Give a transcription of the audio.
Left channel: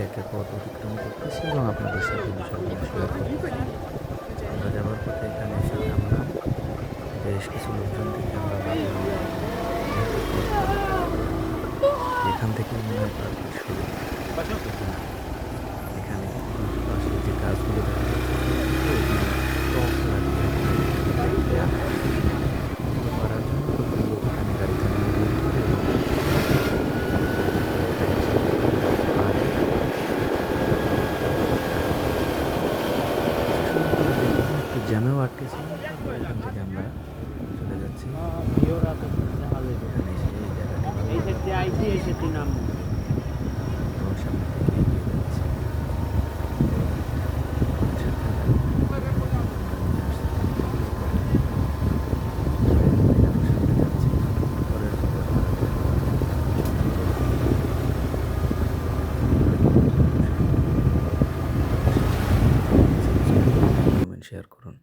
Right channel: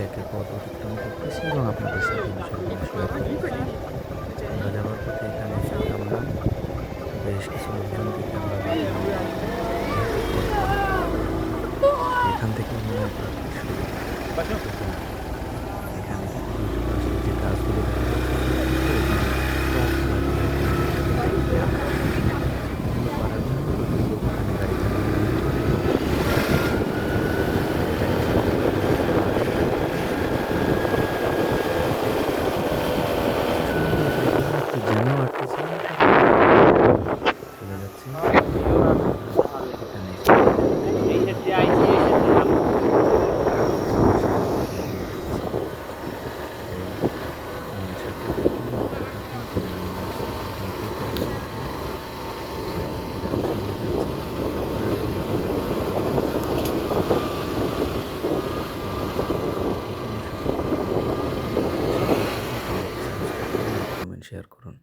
একে একে পথ অতিক্রম করতেছি এবং আপনাদের সাথে বিষয়গুলো শেয়ার করতেছি। আমরা যাবার পথে এখানে এসে থামলাম। বেশ কিছু লোকজন থেকে আমরা ভাবলাম যেহেতু পথ পারাপার করা, এখান থেকেই মনে হয় পার্কের শুরু। কিন্তু না, এখানে দুটো পাশে যে গাছগুলো দেখা যাচ্ছে শুধুমাত্র এখানে টব লাগিয়ে রকমের একটা দেখতে দেয়া হয়। এগুলো পারার জন্য প্রচুর লোক এখানে গাড়ি চালিয়ে ভিড় করে এবং প্রচুর ভাইয়েরা একসাথে পারে। কিছু সময় পর দেখলাম একটু জ্যামেও আটকেছিলাম, তারপরে আমরা বললাম চলে যাচ্ছি। এখানে এসে এই জায়গাটি ভালো লাগার পরে আমরা সামনের দিকে এগিয়ে যাচ্ছি। তো আমাদের সাথেই থাকুন। আমরা নেমে আসছি কন্টিনিউ করতে। আমরা এখান থেকে আরো সামনে যাচ্ছি। পরের পথে আপনারা দেখতে পাবেন। তো আপনারা সকলেই আমার সাথে থাকুন। চ্যানেলটি সাবস্ক্রাইব করুন, লাইক, কমেন্ট, শেয়ার করুন।